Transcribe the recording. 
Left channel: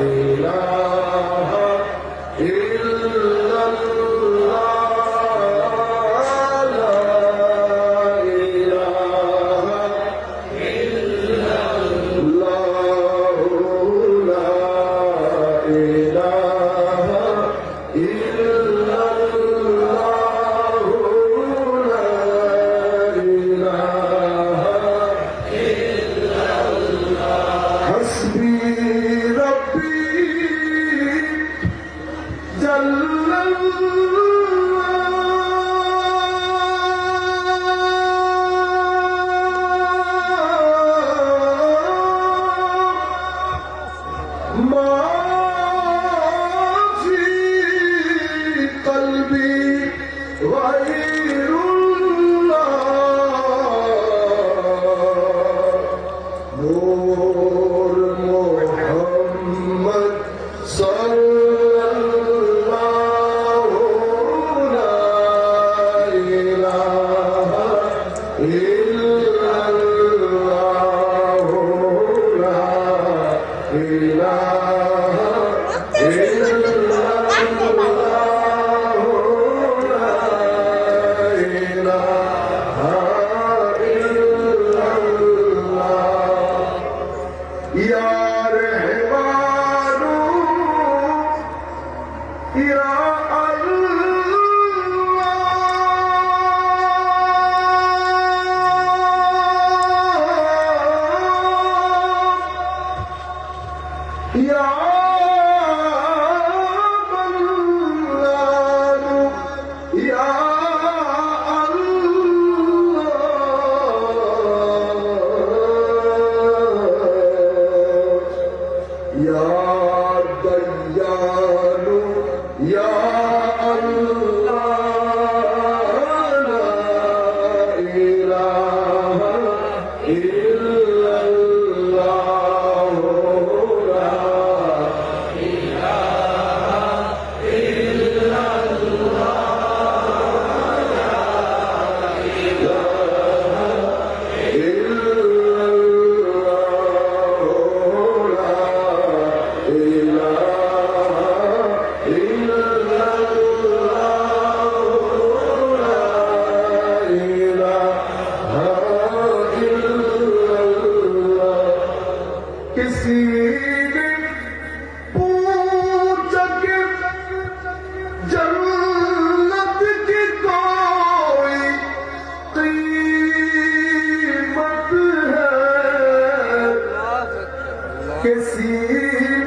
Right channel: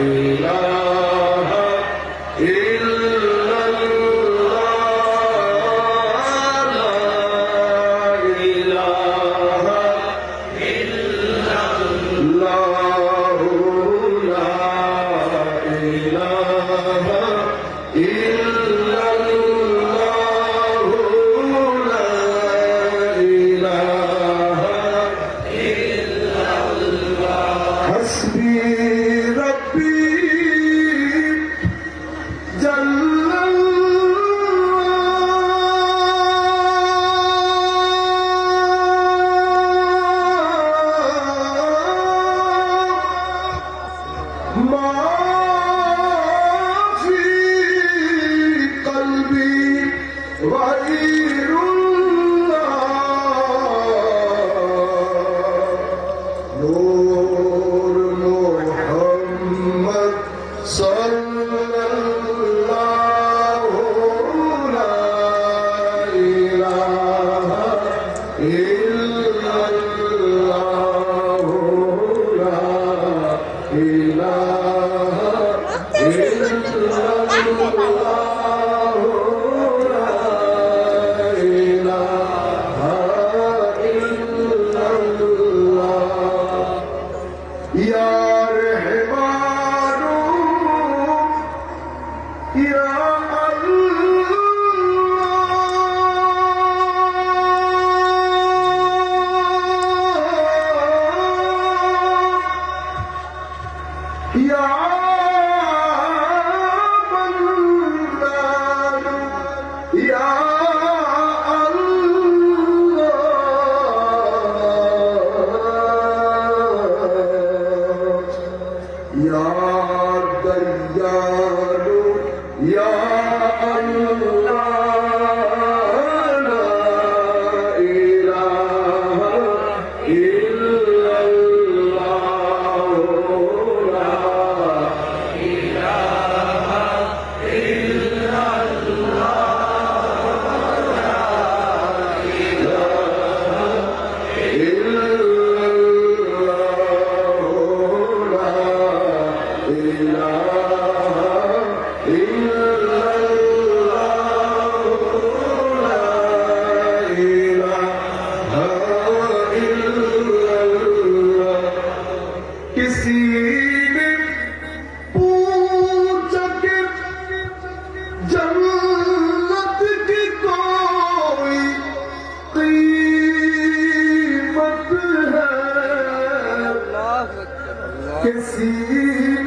إلا Ya کسی دن پوچھ کے جنت کی کوئی قیمت ہے؟ کسی